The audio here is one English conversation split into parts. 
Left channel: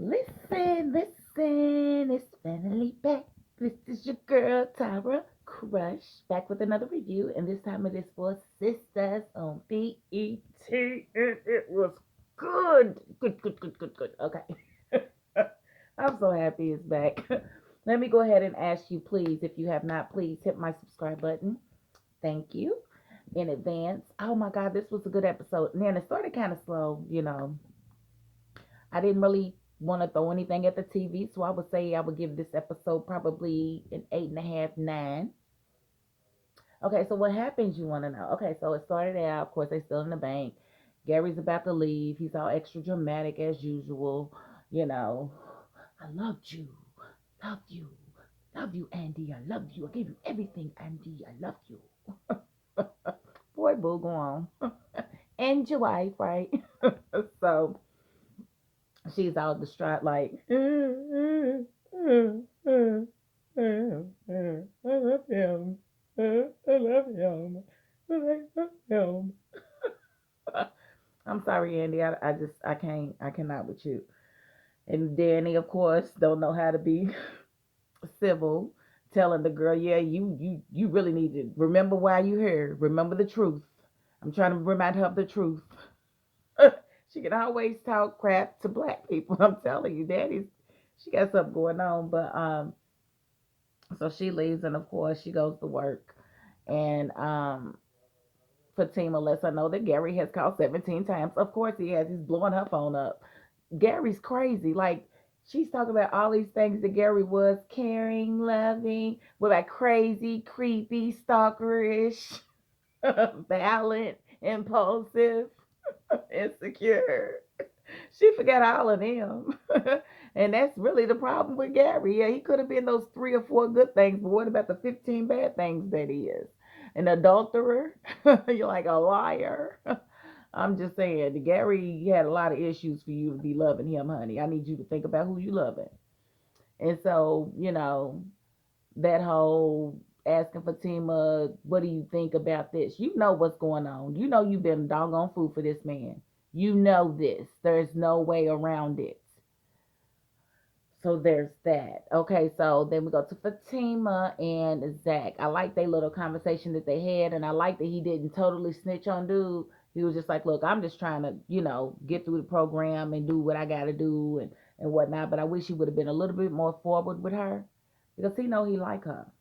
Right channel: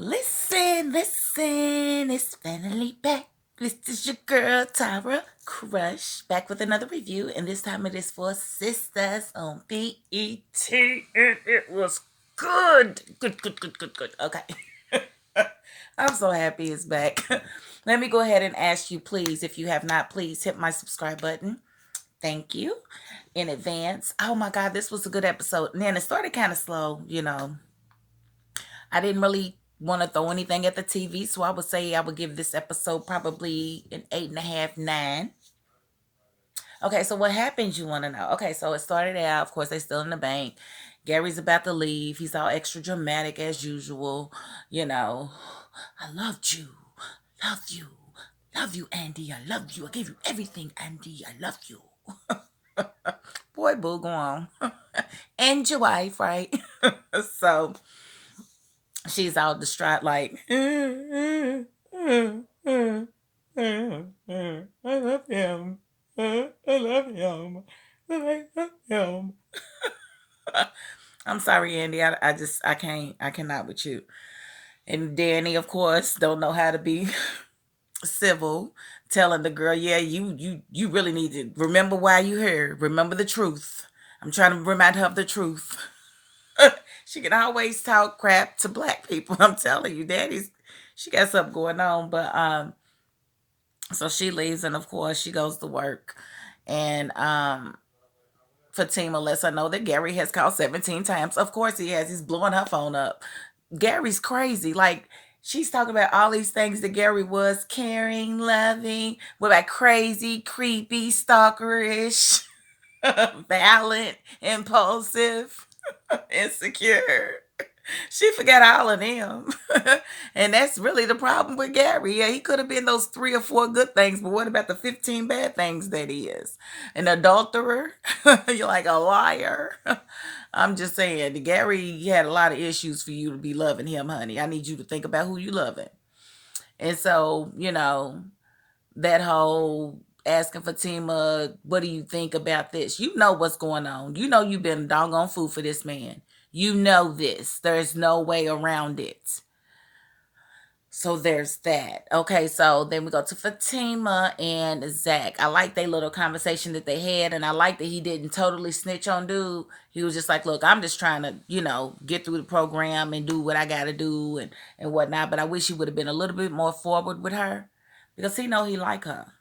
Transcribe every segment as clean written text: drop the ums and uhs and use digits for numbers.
Listen, it's finally back. This is your girl, Tyra Crush, back with another review, and this time it is for Sistas on BET, and it was good. Good. Okay. I'm so happy it's back. Let me go ahead and ask you, please, if you have not, please hit my subscribe button. Thank you in advance. Oh my God, this was a good episode. And then it started kind of slow. I didn't really want to throw anything at the TV, so I would say I would give this episode probably an 8.5, 9. Okay, so what happens, you want to know? Okay, so it started out, of course, they still in the bank. Gary's about to leave. He's all extra dramatic as usual. You know, I loved you. Love you. Love you, Andy. I love you. I gave you everything, Andy. I love you. Boy, boo, go on. And your wife, right? So she's all distraught, like, I love him. I love him. I love him. I'm sorry, Andy. I cannot with you. And Danny, of course, don't know how to be civil, telling the girl, yeah, you really need to remember why you here. Remember the truth. I'm trying to remind her of the truth. She can always talk crap to black people. I'm telling you, she got something going on. But so she leaves, and of course she goes to work, and Fatima lets her know that Gary has called 17 times. Of course he has. He's blowing her phone up. Gary's crazy. Like, she's talking about all these things that Gary was: caring, loving, what about crazy, creepy, stalkerish, violent, impulsive, insecure. She forgot all of them. And that's really the problem with Gary. Yeah, he could have been those 3 or 4 good things, but what about the 15 bad things that he is? An adulterer? You're like a liar. I'm just saying, Gary had a lot of issues for you to be loving him, honey. I need you to think about who you loving. And so, that whole asking Fatima, what do you think about this? You know what's going on. You know you've been doggone fool for this man. You know this. There's no way around it. So there's that. Okay, so then we go to Fatima and Zach. I like their little conversation that they had, and I like that he didn't totally snitch on dude. He was just like, look, I'm just trying to, get through the program and do what I gotta do and whatnot. But I wish he would have been a little bit more forward with her, because he know he like her.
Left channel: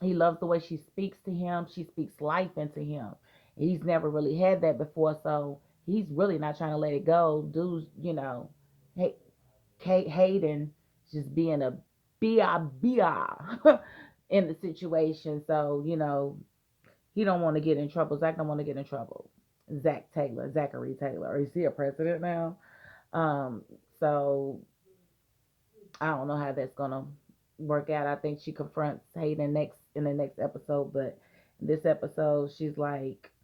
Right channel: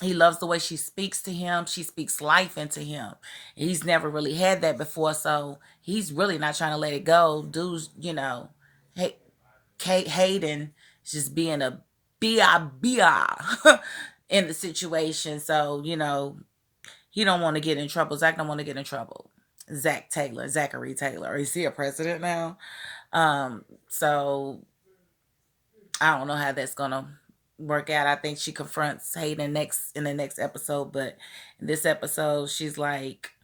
He loves the way she speaks to him. She speaks life into him. He's never really had that before, so he's really not trying to let it go. Dude's, hey, Hayden just being a bia in the situation. So, he don't want to get in trouble. Zach don't want to get in trouble. Zachary Taylor. Is he a president now? So I don't know how that's gonna work out. I think she confronts Hayden in the next episode, but in this episode, she's like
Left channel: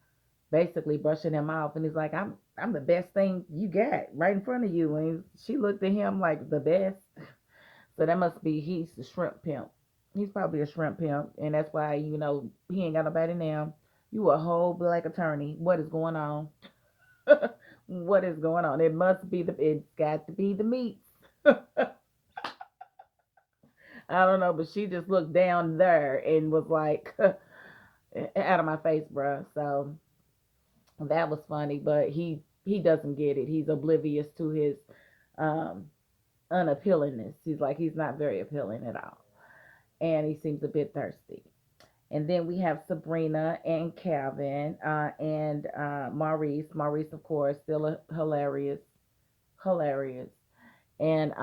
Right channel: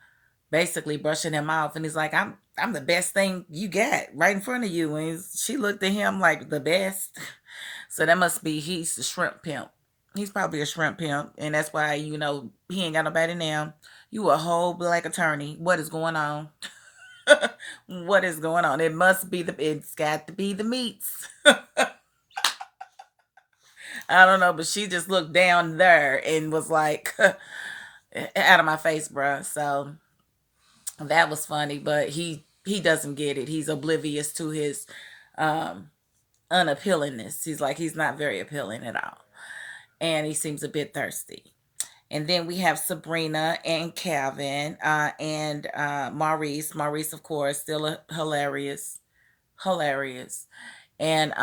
basically brushing him off, and he's like, I'm the best thing you got right in front of you. And she looked at him like the best. So that must be he's the shrimp pimp. He's probably a shrimp pimp, and that's why he ain't got nobody now. You a whole black attorney. What is going on? What is going on? It's got to be the meats. I don't know, but she just looked down there and was like, out of my face, bruh. So that was funny, but he doesn't get it. He's oblivious to his um unappealingness. He's not very appealing at all. And he seems a bit thirsty. And then we have Sabrina and Calvin and Maurice. Maurice, of course, still hilarious. Hilarious. And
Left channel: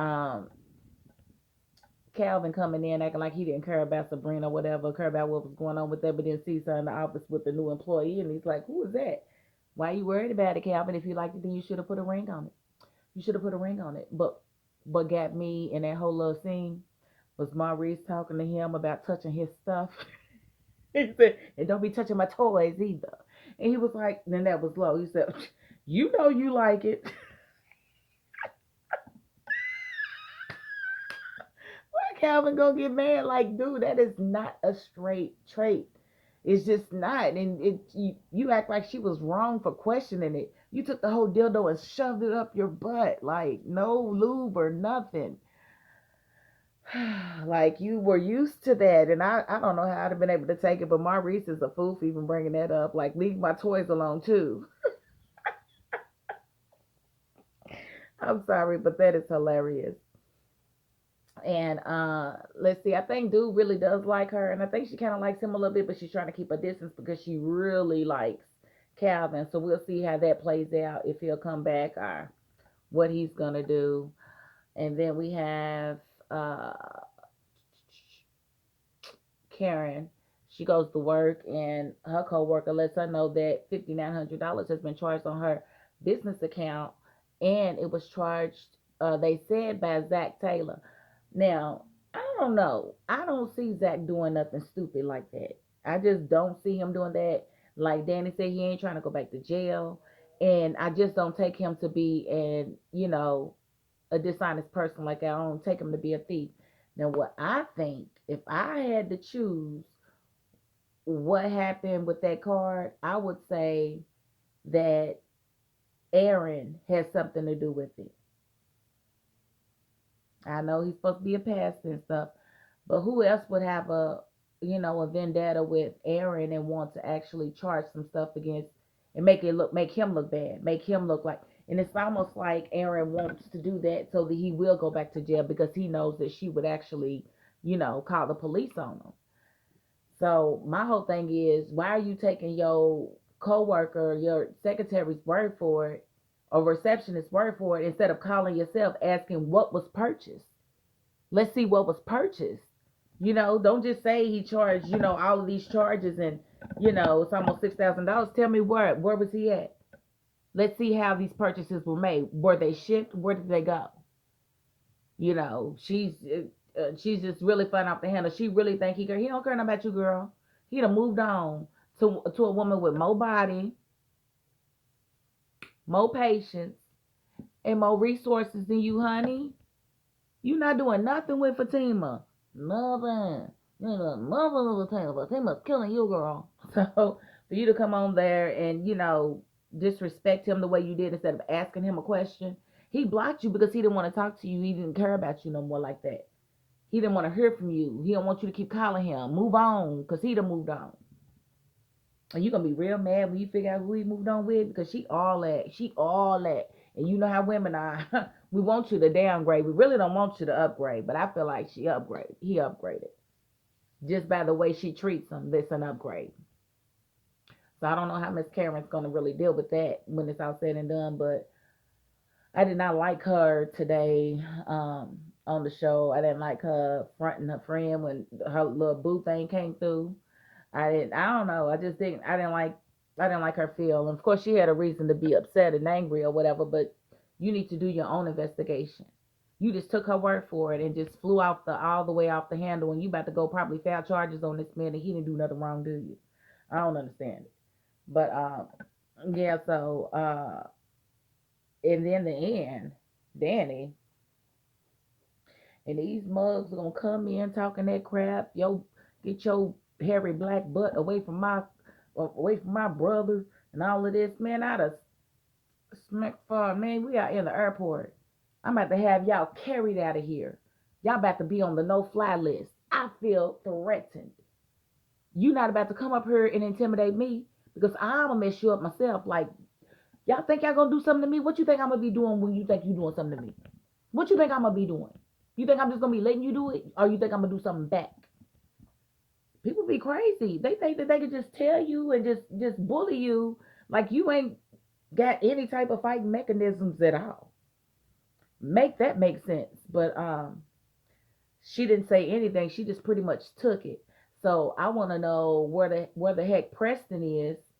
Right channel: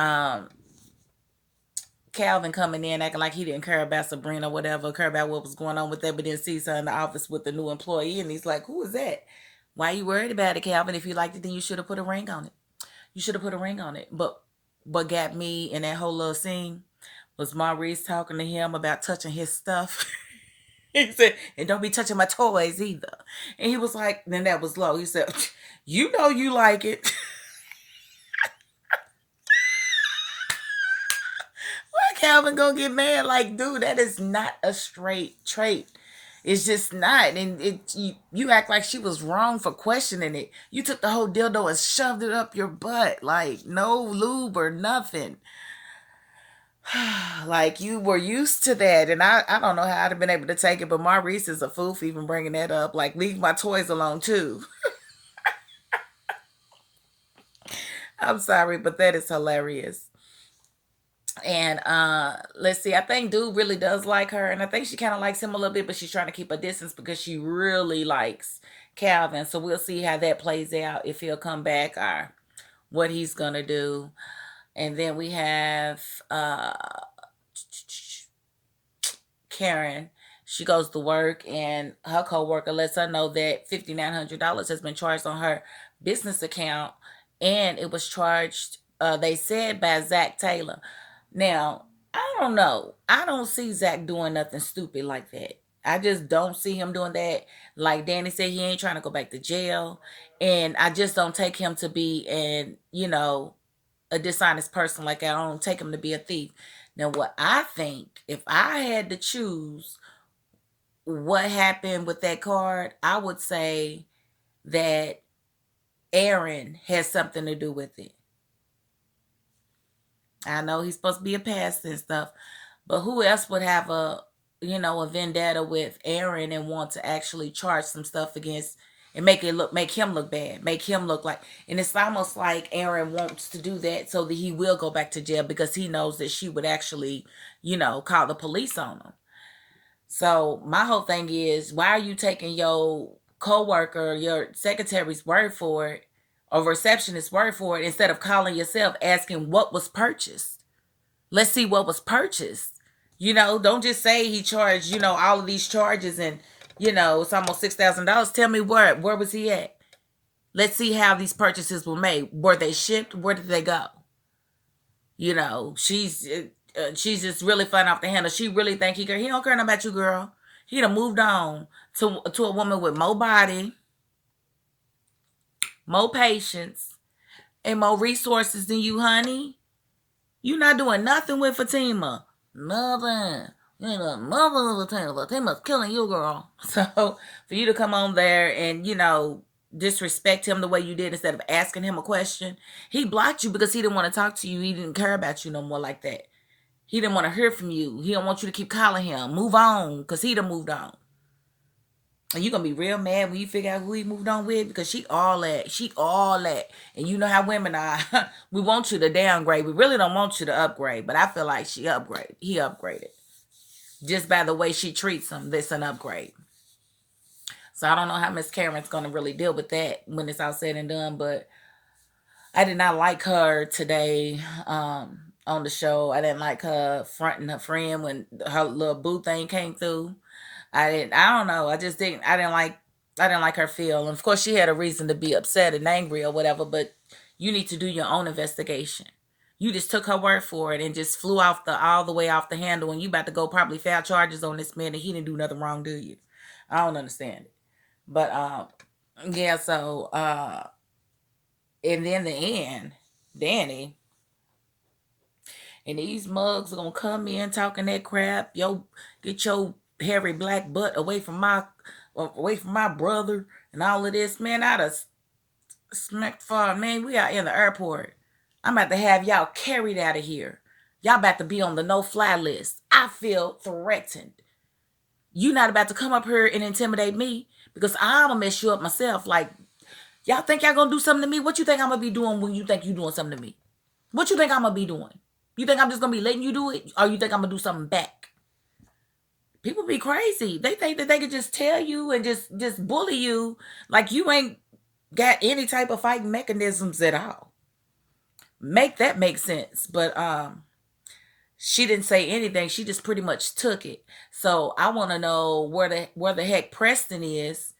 Calvin coming in acting like he didn't care about Sabrina, whatever, care about what was going on with that, but then sees her in the office with the new employee, and he's like, "Who is that? Why are you worried about it, Calvin? If you liked it, then you should have put a ring on it. You should have put a ring on it." But what got me in that whole little scene was Maurice talking to him about touching his stuff. He said, "And don't be touching my toys either." And he was like, then that was low. He said, "You know you like it." Why Calvin gonna get mad? Like, dude, that is not a straight trait. It's just not. And you act like she was wrong for questioning it. You took the whole dildo and shoved it up your butt. Like, no lube or nothing. Like, you were used to that. And I don't know how I'd have been able to take it, but Maurice is a fool for even bringing that up. Like, leave my toys alone, too. I'm sorry, but that is hilarious. And let's see, I think dude really does like her, and I think she kind of likes him a little bit, but she's trying to keep a distance because she really likes Calvin. So we'll see how that plays out, if he'll come back or what he's gonna do. And then we have Karen. She goes to work, and her coworker lets her know that $5,900 has been charged on her business account, and it was charged. They said by Zach Taylor. Now, I don't know. I don't see Zach doing nothing stupid like that. I just don't see him doing that. Like Danny said, he ain't trying to go back to jail, and I just don't take him to be a dishonest person. Like, I don't take him to be a thief. Now, what I think, if I had to choose what happened with that card, I would say that Aaron has something to do with it. I know he's supposed to be a pastor and stuff, but who else would have a vendetta with Aaron and want to actually charge some stuff against and make him look bad, make him look like, and it's almost like Aaron wants to do that so that he will go back to jail because he knows that she would actually, call the police on him. So my whole thing is, why are you taking your coworker, your secretary's word for it, or receptionist's word for it, instead of calling yourself, asking what was purchased? Let's see what was purchased. Don't just say he charged, all of these charges, and it's almost $6,000. Tell me where was he at? Let's see how these purchases were made. Were they shipped? Where did they go? She's just really flying off the handle. She really think he don't care about you, girl. He done moved on to a woman with more body, more patience, and more resources than you, honey. You not doing nothing with Fatima. Nothing. You ain't doing nothing with Fatima. Fatima's killing you, girl. So for you to come on there and, disrespect him the way you did instead of asking him a question, he blocked you because he didn't want to talk to you. He didn't care about you no more like that. He didn't want to hear from you. He don't want you to keep calling him. Move on, because he done moved on. And you're going to be real mad when you figure out who he moved on with, because she all that. She all that. And you know how women are. We want you to downgrade. We really don't want you to upgrade. But I feel like he upgraded. Just by the way she treats him, that's an upgrade. So I don't know how Miss Karen's going to really deal with that when it's all said and done. But I did not like her today on the show. I didn't like her fronting her friend when her little boo thing came through. I don't know. I didn't like her feel. And of course she had a reason to be upset and angry or whatever, but you need to do your own investigation. You just took her word for it and just flew all the way off the handle, and you about to go probably file charges on this man, and he didn't do nothing wrong, do you? I don't understand it. But yeah, so and then the end, Danny and these mugs are gonna come in talking that crap. Get your hairy black butt away from my brother and all of this. Man, I'd have smacked far. Man, we are in the airport. I'm about to have y'all carried out of here. Y'all about to be on the no-fly list. I feel threatened. You not about to come up here and intimidate me, because I'm gonna mess you up myself. Like, y'all think y'all gonna do something to me? What you think I'm gonna be doing when you think you doing something to me? What you think I'm gonna be doing? You think I'm just gonna be letting you do it? Or you think I'm gonna do something back? People be crazy. They think that they can just tell you and just bully you like you ain't got any type of fighting mechanisms at all. Make that make sense. But she didn't say anything. She just pretty much took it. So I want to know where the heck Preston is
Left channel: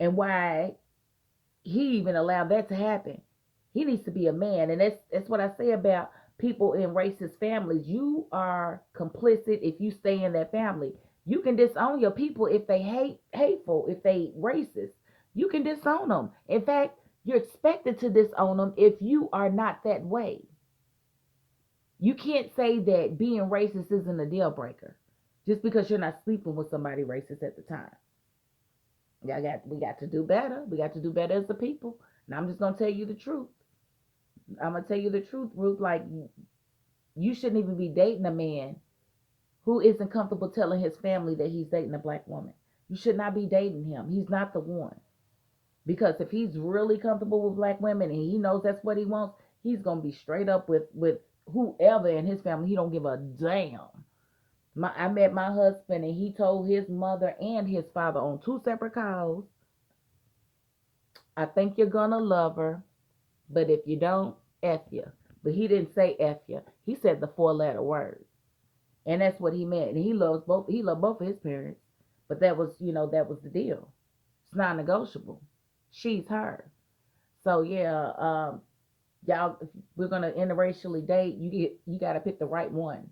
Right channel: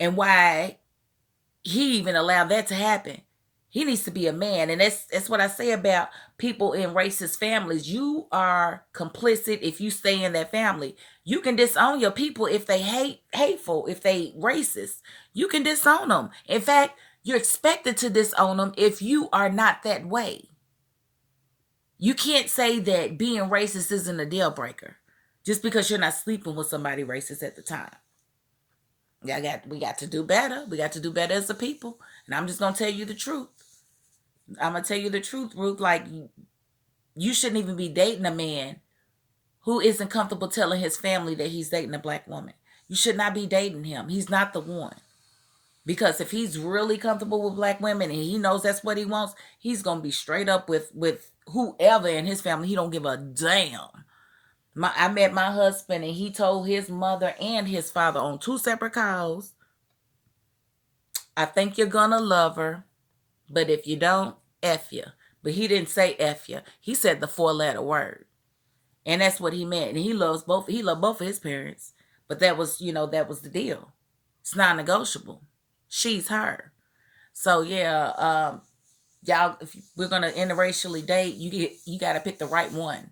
and why he even allowed that to happen. He needs to be a man. And that's what I say about people in racist families. You are complicit if you stay in that family. You can disown your people if they hateful, if they racist. You can disown them. In fact, you're expected to disown them if you are not that way. You can't say that being racist isn't a deal breaker. just because you're not sleeping with somebody racist at the time. We got to do better. We got to do better as a people. And I'm just gonna tell you the truth. I'm gonna tell you the truth, Ruth. Like, you shouldn't even be dating a man who isn't comfortable telling his family that he's dating a black woman. You should not be dating him. He's not the one. Because if he's really comfortable with black women and he knows that's what he wants, he's gonna be straight up with whoever in his family. He don't give a damn. I met my husband and he told his mother and his father on 2 separate calls, I think you're gonna love her, but if you don't, F you. But he didn't say F you. He said the 4-letter word. And that's what he meant. And he loved both of his parents. But that was, that was the deal. It's non-negotiable. She's her. So yeah, y'all, if we're gonna interracially date, you gotta pick the right one.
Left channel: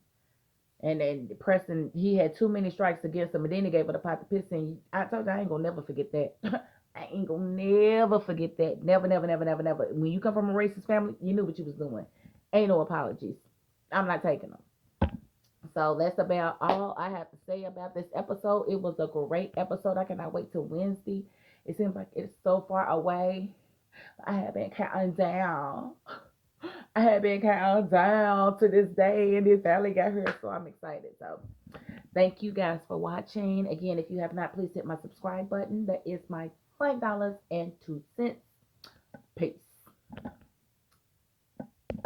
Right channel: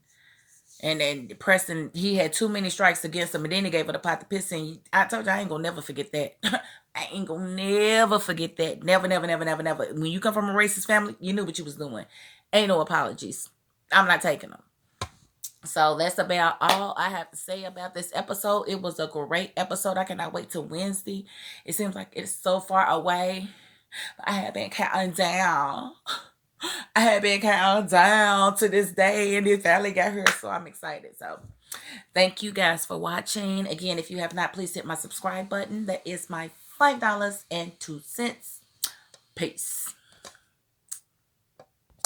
And then Preston, he had too many strikes against him, and then he gave her the pot to piss in. I told you I ain't gonna never forget that. I ain't gonna never forget that. Never, never, never, never, never. When you come from a racist family, you knew what you was doing. Ain't no apologies. I'm not taking them. So that's about all I have to say about this episode. It was a great episode. I cannot wait till Wednesday. It seems like it's so far away. I have been counting down. I have been counting down to this day, and it finally got here, so I'm excited. So thank you guys for watching. Again, if you have not, please hit my subscribe button. That is my $5.02. Peace.